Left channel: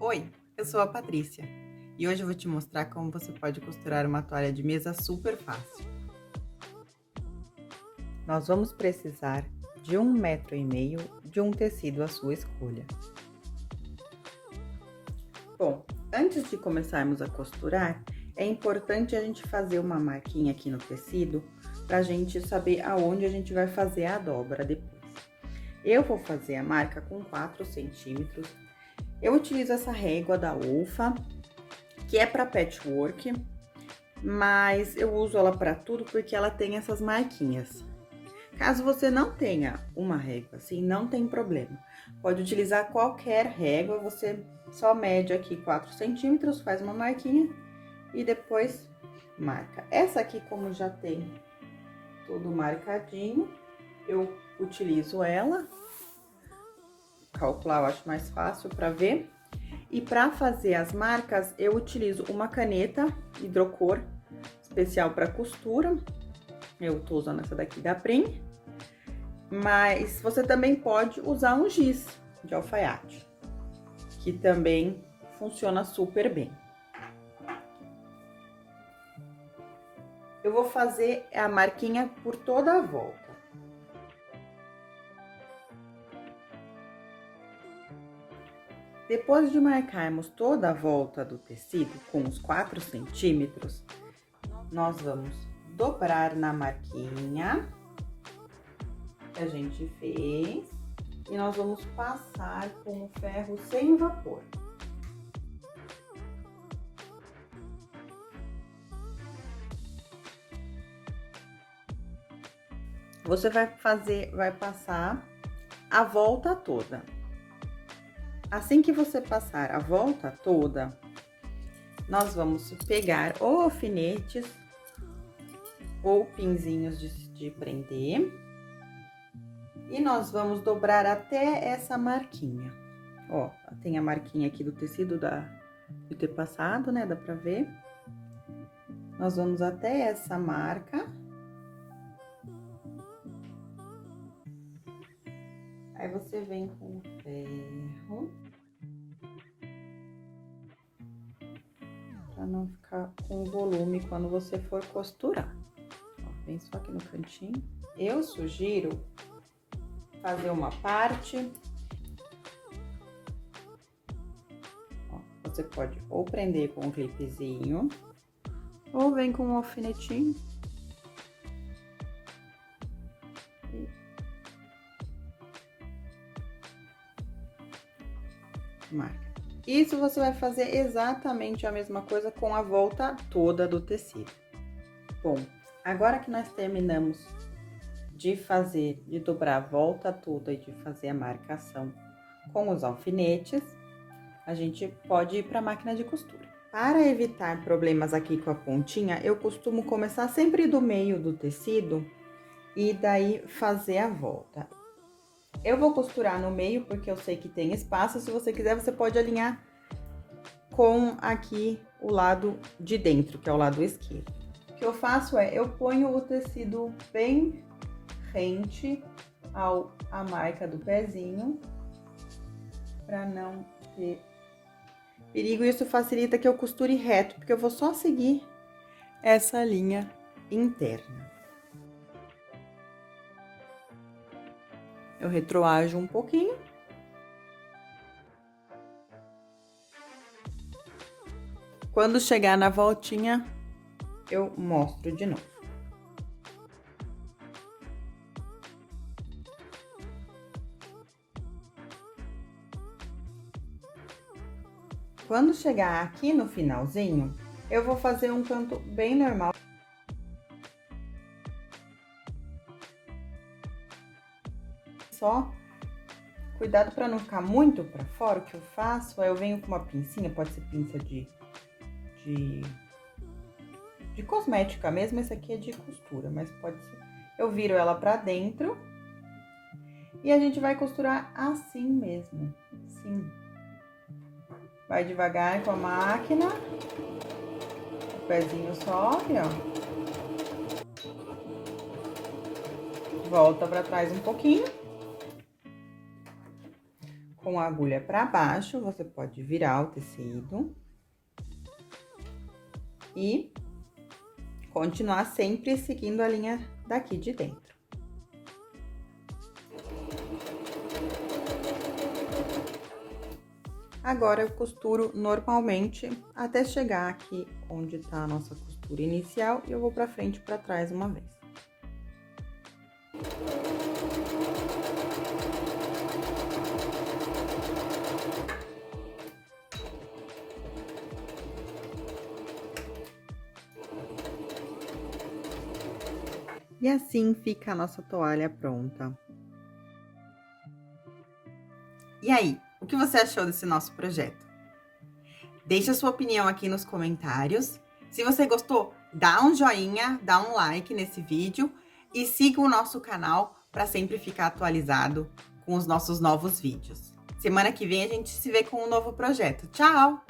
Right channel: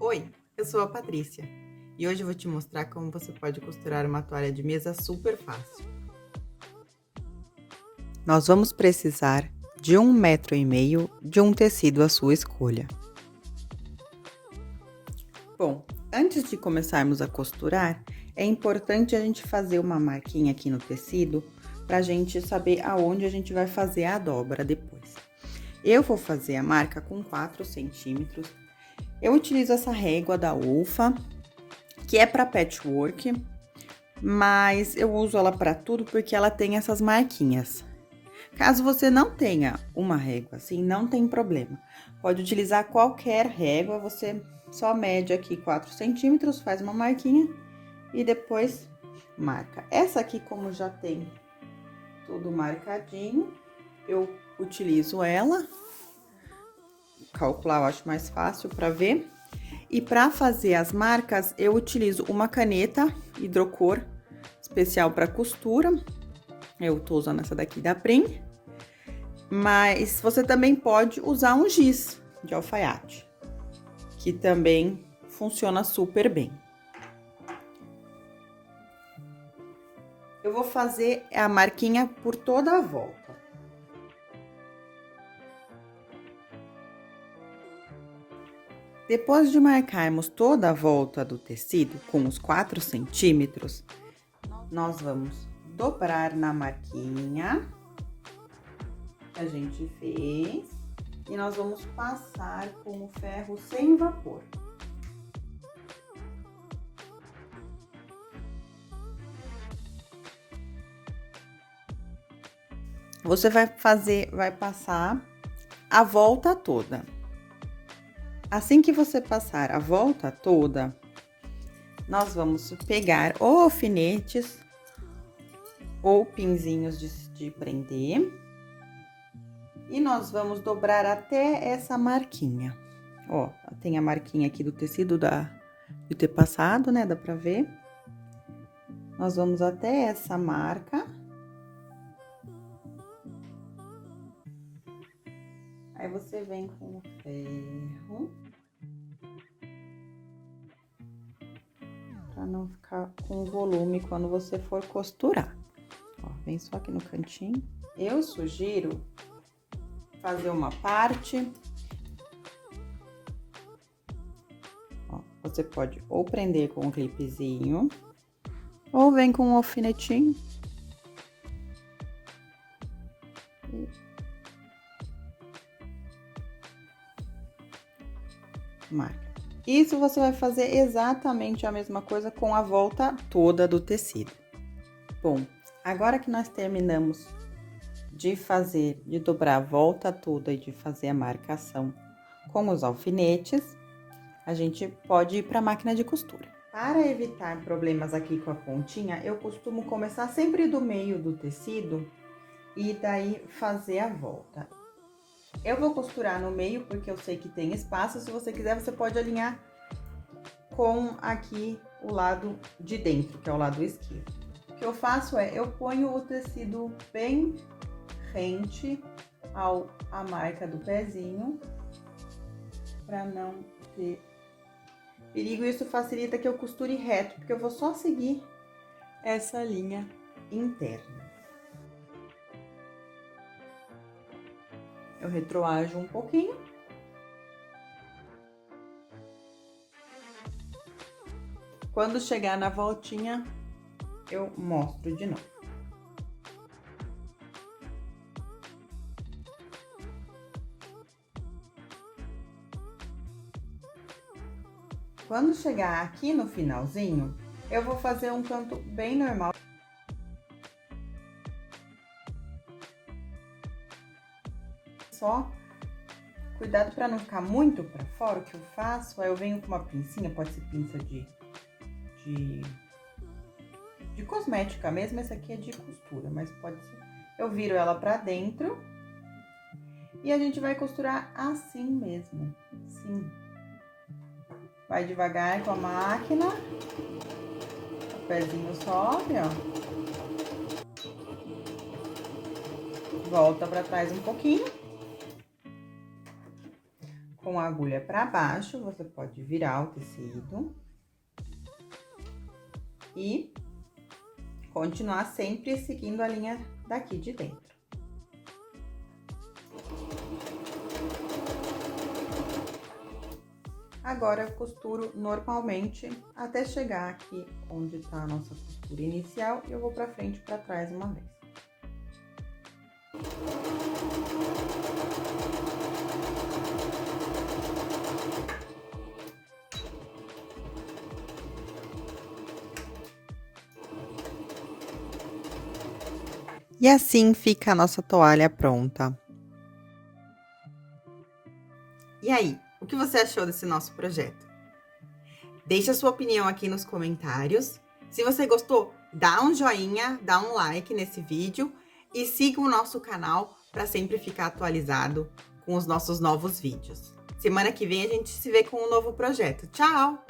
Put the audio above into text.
Oi, eu sou a Patrícia e hoje eu vou te mostrar como você pode costurar uma toalha de mesa super fácil. Nós vamos precisar de 1,5 m de um tecido à sua escolha. Bom, antes de começarmos a costurar, é importante a gente fazer uma marquinha aqui no tecido para a gente saber aonde a gente vai fazer a dobra depois. Eu vou fazer a marca com 4 centímetros. Eu utilizo essa régua da Olfa, que é para patchwork, mas eu uso ela para tudo porque ela tem essas marquinhas. Caso você não tenha uma régua assim, não tem problema. Pode utilizar qualquer régua, você só mede aqui 4 centímetros, faz uma marquinha e depois marca. Essa aqui, como já tem tudo marcadinho, eu utilizo ela. Calcular eu acho mais fácil para ver. E para fazer as marcas, eu utilizo uma caneta hidrocor especial para costura. Eu tô usando essa daqui da Prim. Mas você também pode usar um giz de alfaiate, que também funciona super bem. Eu vou fazer a marquinha por toda a volta. Depois de marcarmos toda a volta do tecido com os 4 centímetros, nós vamos dobrar na marquinha que a gente fez e nós vamos passar com o ferro sem vapor. Você vai passar a volta toda. Assim que você passar a volta toda, nós vamos pegar ou alfinetes ou pinzinhos de prender e nós vamos dobrar até essa marquinha. Ó, tem a marquinha aqui do tecido de ter passado, né? Dá pra ver. Nós vamos até essa marca. Aí você vem com o ferro. Pra não ficar com volume quando você for costurar. Ó, vem só aqui no cantinho. Eu sugiro fazer uma parte. Ó, você pode ou prender com um clipezinho, ou vem com um alfinetinho. Marca. Isso você vai fazer exatamente a mesma coisa com a volta toda do tecido. Bom, agora que nós terminamos de dobrar a volta toda e de fazer a marcação com os alfinetes, a gente pode ir para a máquina de costura. Para evitar problemas aqui com a pontinha, eu costumo começar sempre do meio do tecido e daí fazer a volta. Eu vou costurar no meio porque eu sei que tem espaço. Se você quiser, você pode alinhar com aqui o lado de dentro, que é o lado esquerdo. O que eu faço é, eu ponho o tecido bem rente à marca do pezinho, para não ter perigo. Isso facilita que eu costure reto, porque eu vou só seguir essa linha interna. Eu retroajo um pouquinho. Quando chegar na voltinha, eu mostro de novo. Quando chegar aqui no finalzinho, eu vou fazer um canto bem normal. Só cuidado para não ficar muito para fora. O que eu faço é eu venho com uma pincinha, pode ser pinça de cosmética mesmo, esse aqui é de costura, mas pode ser. Eu viro ela para dentro e a gente vai costurar assim mesmo, assim. Vai devagar com a máquina, o pezinho sobe, ó. Volta para trás um pouquinho. com a agulha para baixo, você pode virar o tecido e continuar sempre seguindo a linha daqui de dentro. Agora, eu costuro normalmente até chegar aqui onde tá a nossa costura inicial e eu vou pra frente e pra trás uma vez. E assim fica a nossa toalha pronta. E aí, o que você achou desse nosso projeto? Deixe a sua opinião aqui nos comentários. Se você gostou, dá um joinha, dá um like nesse vídeo e siga o nosso canal para sempre ficar atualizado com os nossos novos vídeos. Semana que vem a gente se vê com um novo projeto. Tchau!